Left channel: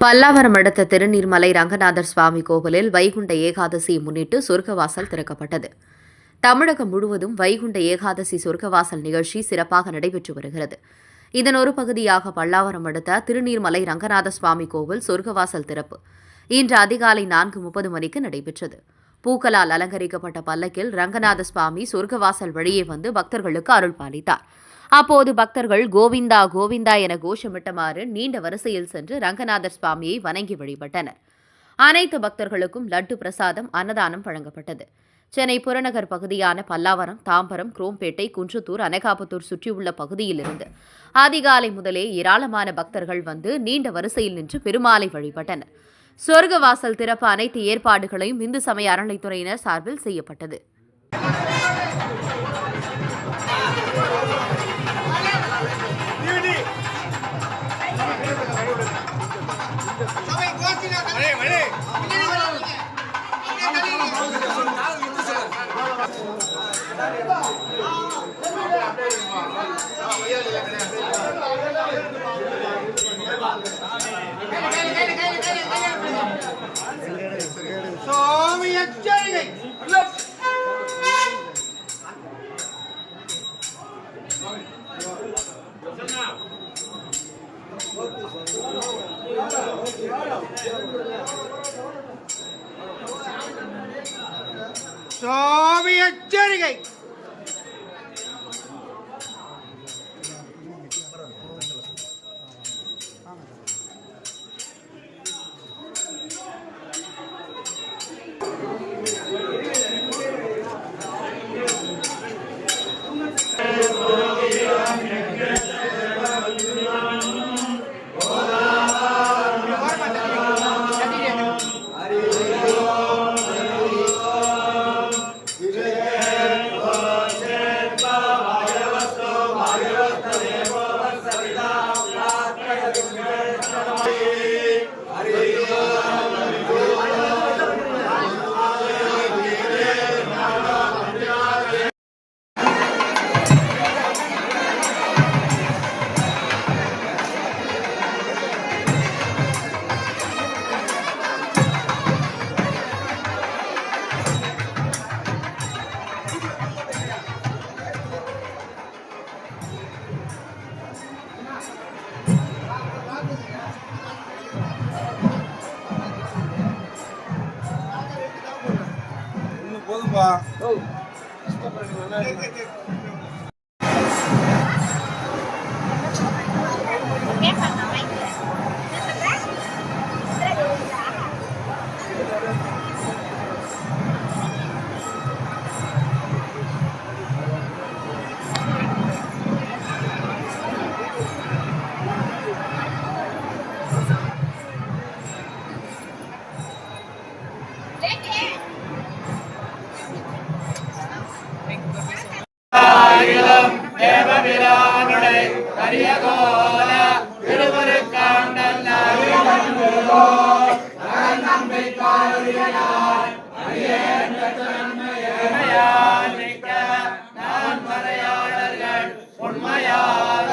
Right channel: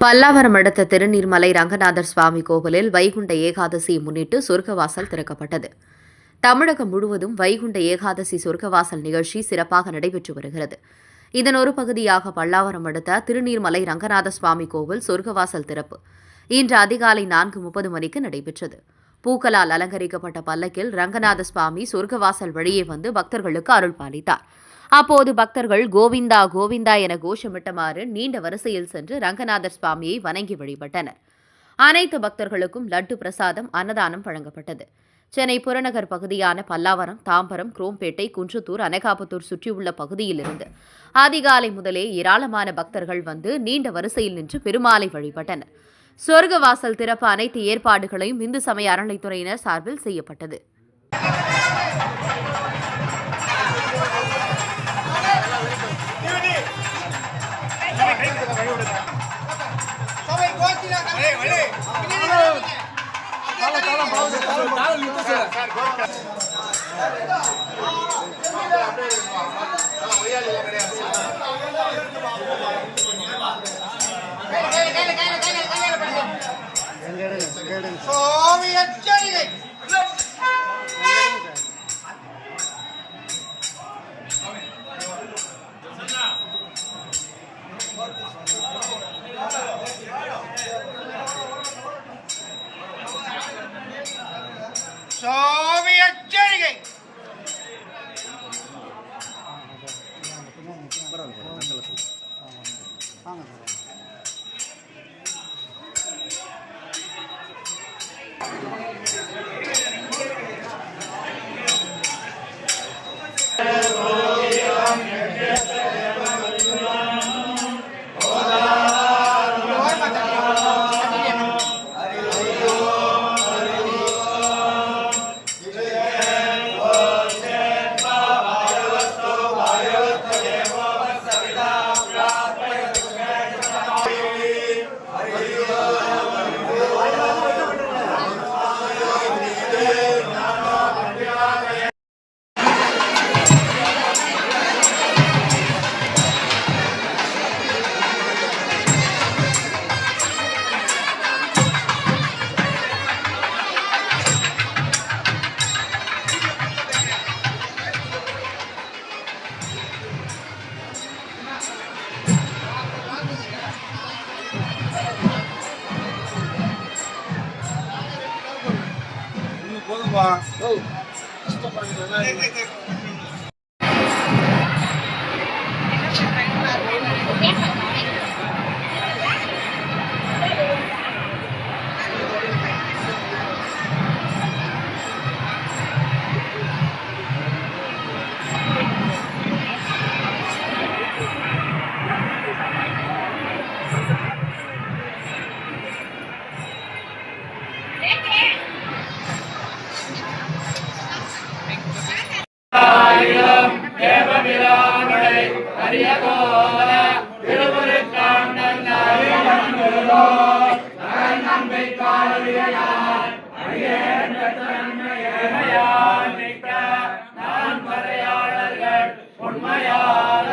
பல்லாவரம் அடுத்த திருநீர்மலை ரங்கநாதர் சுவாமி கோவிலில் வைகுண்ட ஏகாதசியை முன்னிட்டு சொர்க்கவாசல் திறக்கப்பட்டது. தமிழகம் முழுவதும் வைகுண்ட ஏகாதசி சொர்க்கவாசல் நிகழ்ச்சி சிறப்பாக நடைபெற்று வருகிறது. இதன் ஒரு பகுதியாக பல்லாவரம் அடுத்த திருநீர்மலை ரங்கநாத சுவாமி கோவில் சொர்க்கவாசல் திறப்பு இன்று அதிகாலை 4:30 மணிக்கு நடைபெற்றது. பூக்களால் அலங்கரிக்கப்பட்ட பல்லக்கில் ரங்கநாத சுவாமி சொர்க்கவாசல் வழியே வந்து பக்தர்களுக்கு அருள் பாலித்தார். அப்போது பக்தர்கள் கோவிந்தா கோவிந்தா என கோஷமிட்டமாறு நீண்ட வரிசையில் சென்று ரங்கநாதர் சுவாமியை வணங்கி வழிபட்டனர். அனைத்து பக்தர்களுக்கும் லட்டு பிரசாதம், அன்னதானம் வழங்கப்பட்டது. சென்னை புறநகர் பகுதியான பல்லாவரம், தாம்பரம், குரோம்பேட்டை, குன்றத்தூர், அனகாபுத்தூர் சுற்றியுள்ள பகுதியிலிருந்து அதிகாலை முதலே ஏராளமான பக்தர்கள் வந்து நீண்ட வரிசையில் நின்று பெருமாளை வழிபட்டனர். சொர்க்கவாசல் திறப்பு அனைத்து ஏற்பாடுகளையும் இந்து சமய அறநிலைத்துறையினர் சார்பில் செய்யப்பட்டது. சுவாமி எச்சரிக்கை. போதும்பா. உண்மையாக